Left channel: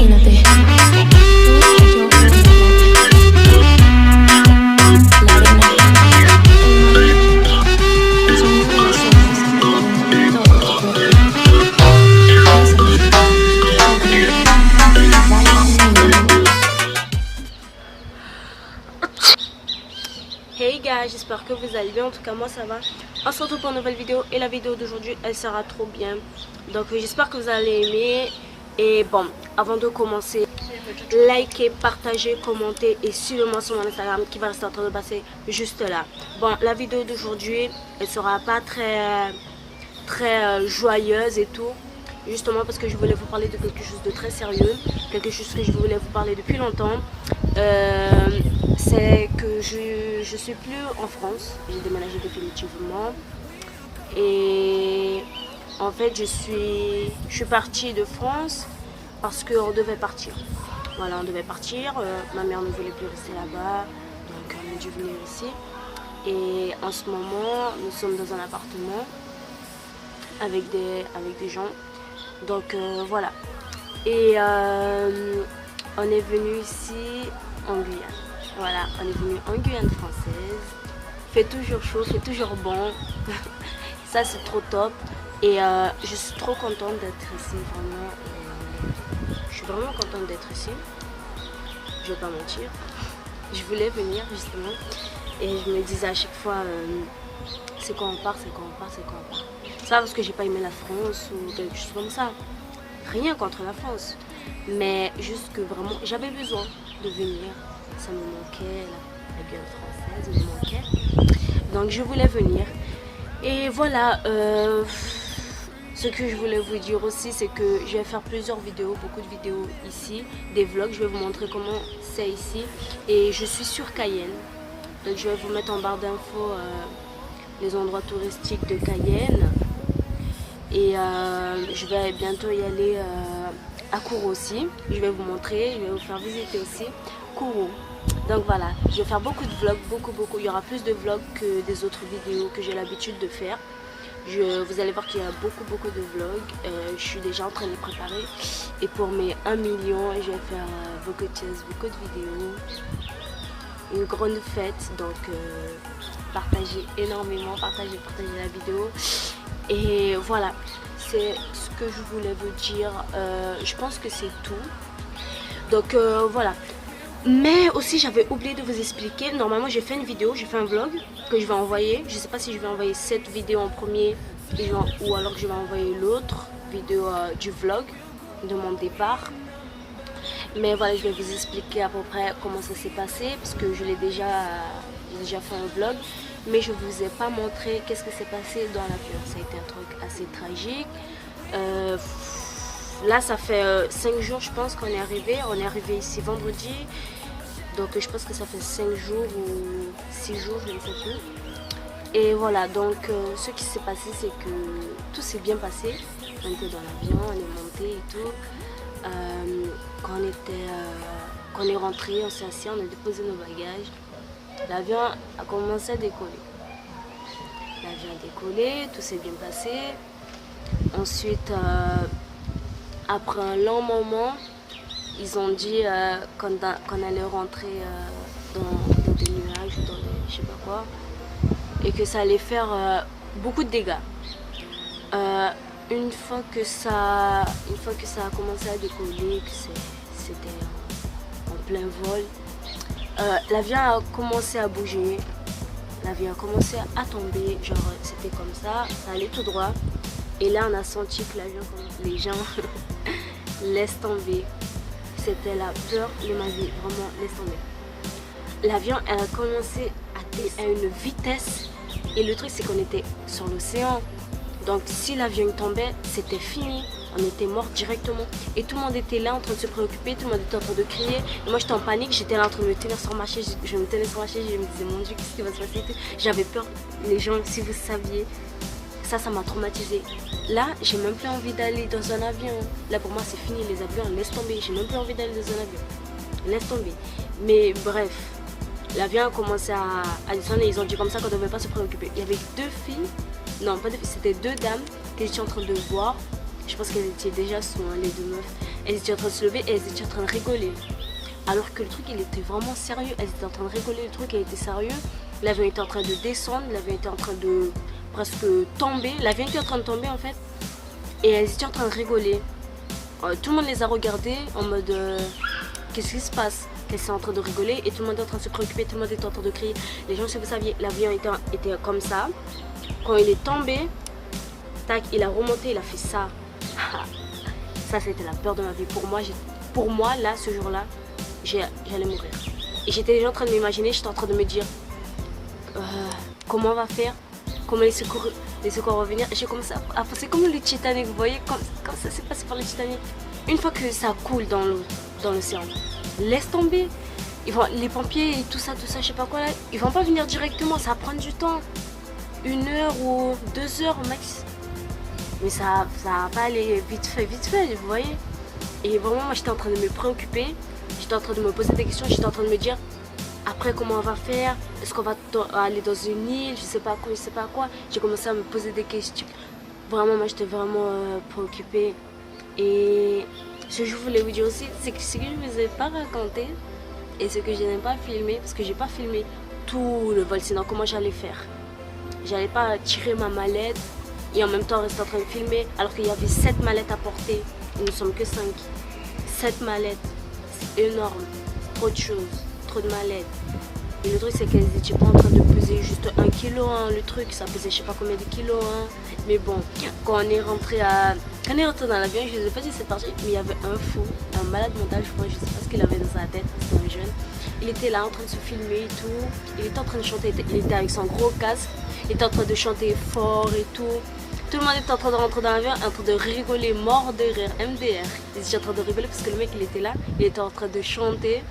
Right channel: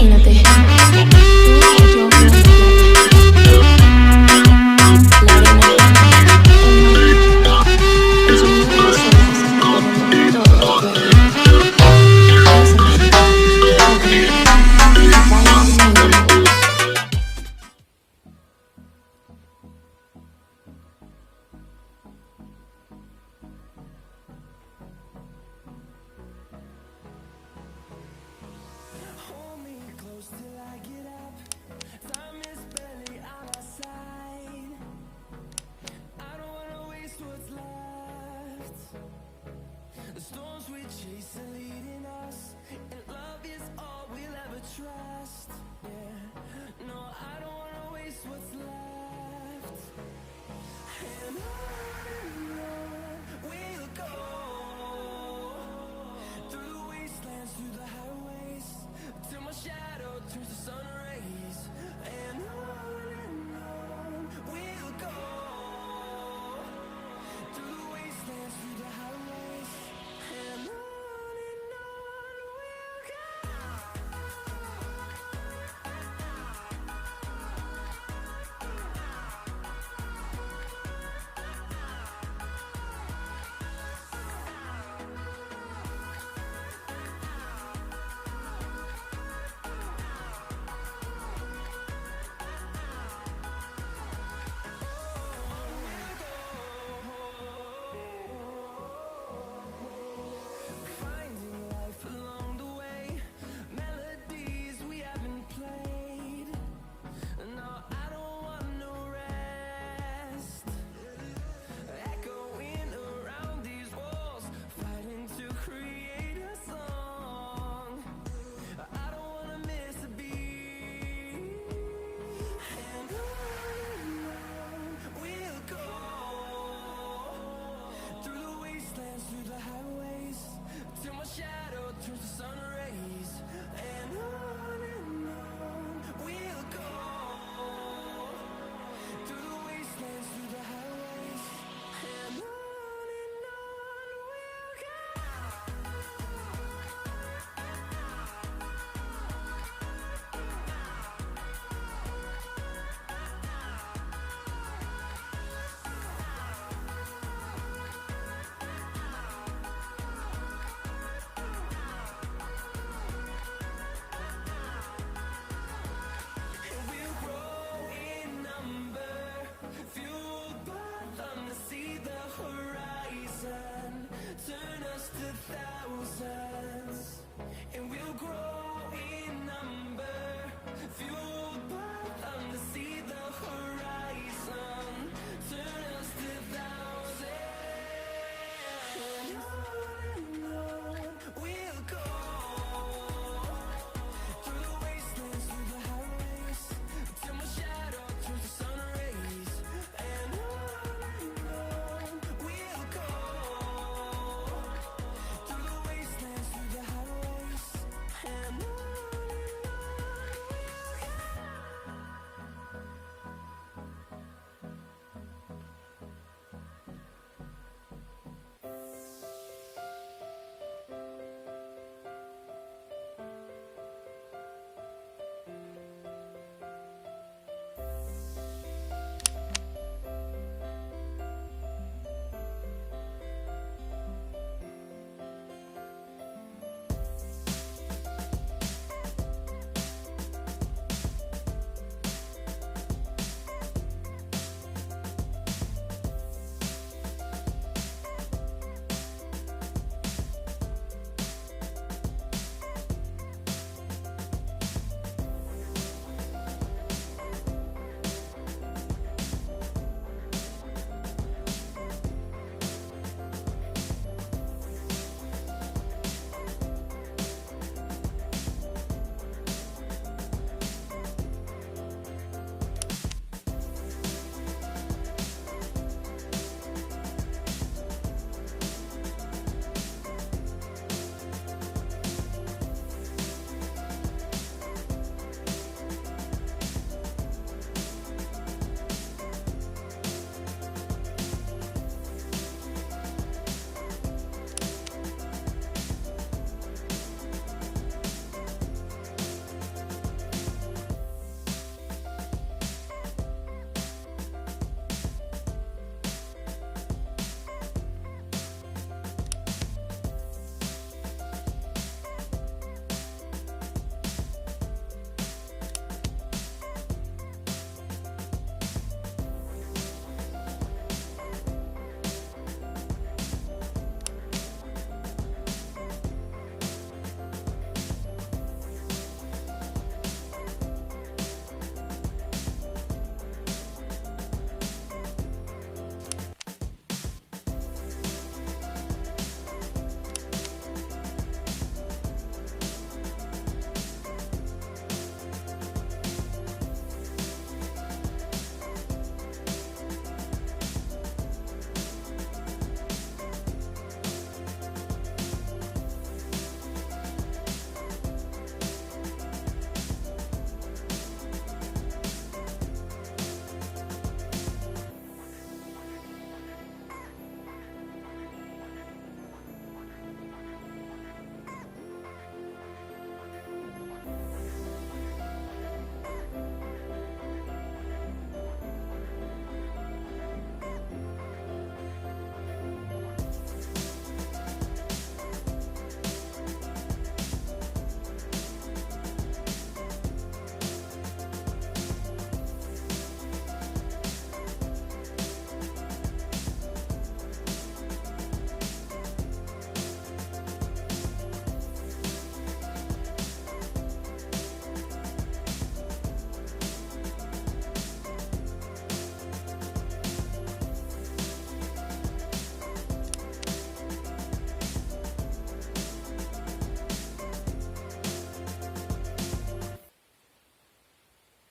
Imagínate, tú y yo en la playa, la arena, el mar, el sonido de las olas recorriendo todo tu cuerpo. Bésame, tócame y baila conmigo. Hey guys, j'espère que vous allez bien, en tout cas moi ça va. On se retrouve pour une nouvelle vidéo et la vidéo d'aujourd'hui elle sera trop bien. Donc j'espère que vous allez aimer. Et bon, avant de commencer, likez, partagez, commentez et suivez-moi sur mon Instagram qui va rester en train de passer juste là. Bon, la vidéo d'aujourd'hui elle sera pas très joyeuse et tout. Justement parce que je voulais vous parler de quelque chose de très sérieux, quelque chose que je voulais vous parler depuis longtemps. C'est que je suis plus en France, j'ai déménagé définitivement et en fait je suis partie de France parce qu'on devait partir. Voilà, on devait partir, ma mère ne voulait plus rester là-bas, donc on a dû venir ici. Et en ce moment, nous sommes dans un appartement avec des gens. Donc voilà. Et on est venu ici en Guyane. Voilà, on est venu en Guyane française. Fait toujours chaud, fait toujours bon. Ça c'est trop top. Et je suis trop contente d'être ici, vraiment. Je suis vraiment contente d'être ici. Je vais pas mentir. Je voulais venir justement. Et je me disais à chaque fois, c'est quand on part, c'est quand on part, c'est quand on part. C'est pas parce que j'ai pas aimé la France ou quelque chose comme ça. Rien contre la France. Mais juste que vraiment, j'avais besoin de venir. Ça me manquait, la Guyane française me manquait. Donc je voulais venir. Et voilà, ce que je voulais vous dire aussi, c'est que je vais faire plusieurs vidéos, beaucoup de vidéos ici, des vlogs. Je vais vous montrer comment c'est ici. Et je suis sur Cayenne. Donc je vais vous mettre en barre d'infos les endroits touristiques de Cayenne. Et je vais bientôt y aller à Kourou aussi. Je vais vous montrer, je vais vous faire visiter aussi Kourou. Donc voilà, je vais faire beaucoup de vlogs, beaucoup. Il y aura plus de vlogs que des autres vidéos que j'ai l'habitude de faire. Vous allez voir qu'il y a beaucoup de vlogs. Je suis déjà en train de les préparer. Et pour mes 1 million, je vais faire beaucoup de choses, beaucoup de vidéos. Une grande fête, donc partagez énormément, partagez la vidéo. Et voilà, c'est ce que je voulais vous dire. Je pense que c'est tout. Donc voilà. Mais aussi j'avais oublié de vous expliquer. Normalement j'ai fait une vidéo, j'ai fait un vlog que je vais envoyer. Je ne sais pas si je vais envoyer cette vidéo en premier ou alors que je vais envoyer l'autre vidéo du vlog de mon départ. Mais voilà, je vais vous expliquer à peu près comment ça s'est passé parce que je l'ai déjà fait un vlog. Mais je ne vous ai pas montré qu'est-ce qui s'est passé dans l'avion. Ça a été un truc assez tragique. Là, ça fait 5 jours, je pense qu'on est arrivé. On est arrivé ici vendredi. Donc, je pense que ça fait 5 jours ou 6 jours, je ne sais plus. Et voilà, donc, ce qui s'est passé, c'est que tout s'est bien passé. On était dans l'avion, on est monté et tout. Quand on est rentré, on s'est assis, on a déposé nos bagages. L'avion a commencé à décoller. L'avion a décollé, tout s'est bien passé. Ensuite, après un long moment, ils ont dit qu'on allait rentrer dans des nuages ou dans des je sais pas quoi. Et que ça allait faire beaucoup de dégâts. Une fois que ça a commencé à décoller, que c'était en plein vol, l'avion a commencé à bouger, l'avion a commencé à tomber, genre c'était comme ça allait tout droit. Et là on a senti que l'avion, les gens laissent tomber. C'était la peur de ma vie, vraiment laisse tomber. L'avion elle a commencé à une vitesse et le truc c'est qu'on était sur l'océan. Donc si l'avion tombait, c'était fini, on était mort directement. Et tout le monde était là en train de se préoccuper, tout le monde était en train de crier. Et moi j'étais en panique, j'étais là en train de me tenir sur ma chaise, je me tenais sur ma chaise, je me disais mon Dieu, qu'est-ce qui va se passer? J'avais peur, les gens, si vous saviez, ça m'a traumatisée. Là, j'ai même plus envie d'aller dans un avion. Là pour moi c'est fini, les avions, laisse tomber, j'ai même plus envie d'aller dans un avion. Laisse tomber. Mais bref, l'avion a commencé à descendre et ils ont dit comme ça qu'on ne devait pas se préoccuper. Il y avait 2 filles. Non, pas de, c'était 2 dames que j'étais en train de voir. Je pense qu'elles étaient déjà sous les 2 meufs. elles étaient en train de se lever et elles étaient en train de rigoler. Alors que le truc, il était vraiment sérieux. Elles étaient en train de rigoler, le truc, il était sérieux. L'avion était en train de descendre, l'avion était en train de presque tomber. L'avion était en train de tomber en fait. Et elles étaient en train de rigoler. Tout le monde les a regardées en mode qu'est-ce qui se passe? Elles sont en train de rigoler et tout le monde est en train de se préoccuper, tout le monde est en train de crier. Les gens, si vous saviez, l'avion était comme ça. Quand il est tombé, tac, il a remonté, il a fait ça. Ça, c'était la peur de ma vie. Pour moi là, ce jour-là, j'allais mourir. Et j'étais déjà en train de m'imaginer, j'étais en train de me dire comment on va faire, comment les secours vont venir. J'ai commencé à penser comme le Titanic, vous voyez, quand ça s'est passé par le Titanic. Une fois que ça coule dans l'océan, laisse tomber. Les pompiers et tout ça, je sais pas quoi là, ils vont pas venir directement, ça va prendre du temps. 1 heure ou 2 heures au max. Mais ça va pas aller vite fait, vous voyez. Et vraiment, moi j'étais en train de me préoccuper, j'étais en train de me poser des questions, j'étais en train de me dire après comment on va faire, est-ce qu'on va aller dans une île, je sais pas quoi. J'ai commencé à me poser des questions. Vraiment, moi j'étais vraiment préoccupée. Et ce que je voulais vous dire aussi, c'est que ce que je ne vous ai pas raconté et ce que je n'ai pas filmé, parce que j'ai pas filmé tout le vol, sinon comment j'allais faire? J'allais pas tirer ma mallette et en même temps rester en train de filmer alors qu'il y avait 7 mallettes à porter. Nous ne sommes que 5. 7 mallettes, c'est énorme. Trop de choses, trop de mallettes. Et le truc c'est qu'elles n'étaient pas en train de peser juste 1 kg, hein. Le truc ça pesait je sais pas combien de kilos. Hein. Mais bon, quand on est rentré dans l'avion, je ne sais pas si c'est parti, mais il y avait un fou, un malade mental, je sais pas ce qu'il avait dans sa tête, c'était jeune. Il était là en train de se filmer et tout, il était en train de chanter, il était avec son gros casque, il était en train de chanter fort et tout. Tout le monde était en train de rentrer dans l'avion, en train de rigoler, mort de rire, MDR. Ils étaient en train de rigoler parce que le mec il était là, il était en train de chanter.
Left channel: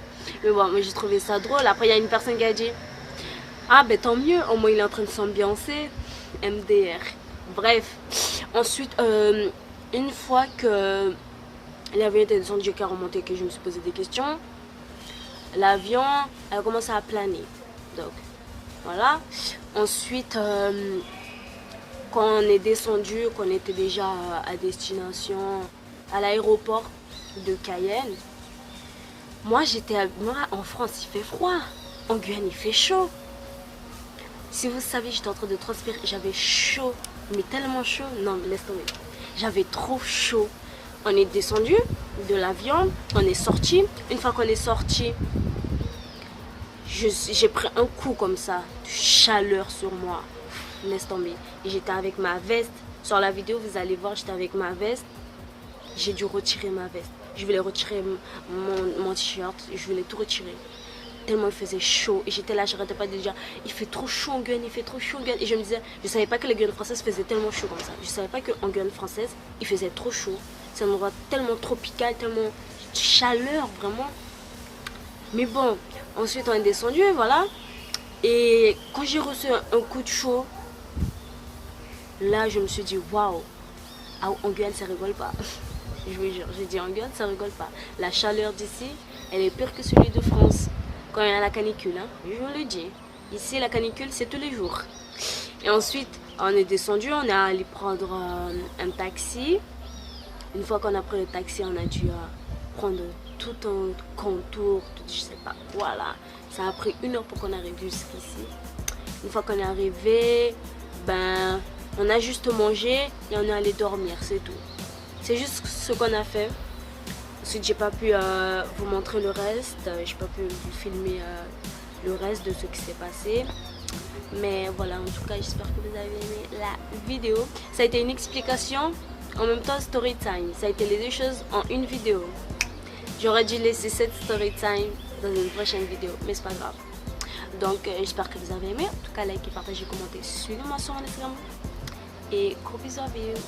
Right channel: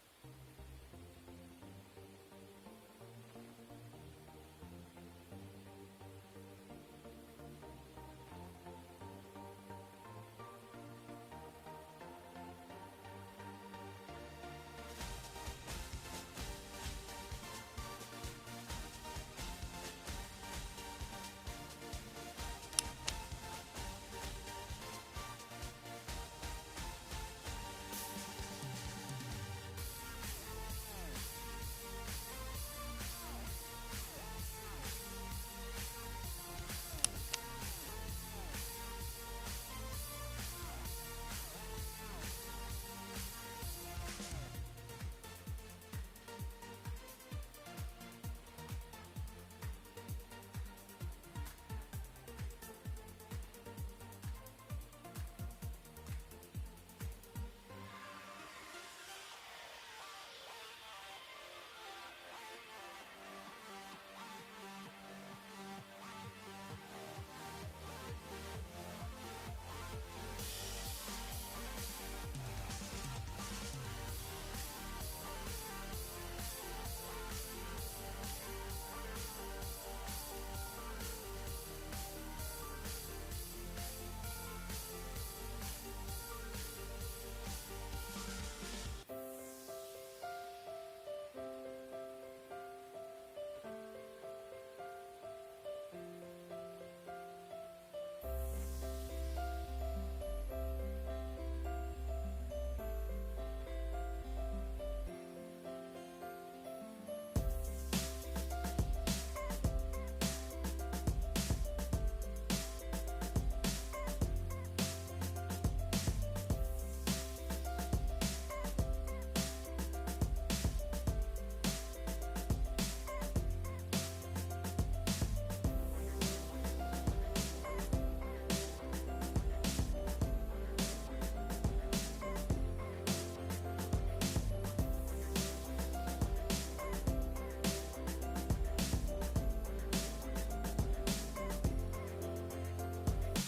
Mais bon, moi j'ai trouvé ça drôle. Après il y a une personne qui a dit ah ben tant mieux, au moins il est en train de s'ambiancer, MDR. Bref, ensuite une fois que l'avion était descendu, qu'à remonter, que je me suis posé des questions, l'avion a commencé à planer. Donc voilà. Ensuite quand on est descendu, qu'on était déjà à destination, à l'aéroport de Cayenne, moi en France il fait froid, en Guyane il fait chaud. Si vous savez, j'étais en train de transpirer, j'avais chaud, mais tellement chaud, non mais laisse tomber, j'avais trop chaud. On est descendu de l'avion, on est sorti. Une fois qu'on est sorti, j'ai pris un coup comme ça, de chaleur sur moi, laisse tomber. Et j'étais avec ma veste, sur la vidéo vous allez voir, j'étais avec ma veste. J'ai dû retirer ma veste, je voulais retirer mon t-shirt, je voulais tout retirer. Tellement il faisait chaud et j'étais là, j'arrêtais pas de dire il fait trop chaud en Guyane, il fait trop chaud en Guyane. Et je me disais, je savais pas que la Guyane française faisait tellement chaud comme ça. Je savais pas qu'en Guyane française il faisait trop chaud. C'est un endroit tellement tropical, tellement chaleur vraiment. Mais bon, ensuite on est descendu, voilà. Et quand j'ai reçu un coup de chaud, là je me suis dit waouh, en Guyane ça rigole pas. Je vous jure, j'ai dit en Guyane ça rigole pas. La chaleur d'ici, elle est pire que celui de France. Quand il y a la canicule, hein, je vous le dis. Ici, la canicule, c'est tous les jours. Et ensuite, on est descendu, on est allé prendre un taxi. Une fois qu'on a pris le taxi, on a dû prendre tout un contour, je sais pas, voilà. Ça a pris 1 heure pour qu'on arrive jusqu'ici. Une fois qu'on est arrivé, ben, on a juste mangé et on est allé dormir, c'est tout. C'est juste ce qu'on a fait. Ensuite, j'ai pas pu vous montrer le reste, j'ai pas pu vous filmer le reste de ce qui s'est passé. Mais voilà, en tout cas, j'espère que vous avez aimé la vidéo. Ça a été une explication, en même temps story time. Ça a été les deux choses en une vidéo. J'aurais dû laisser cette story time dans une prochaine vidéo, mais c'est pas grave. Donc, j'espère que vous avez aimé. En tout cas, likez, partagez, commentez, suivez-moi sur Instagram. Et gros bisous à vous.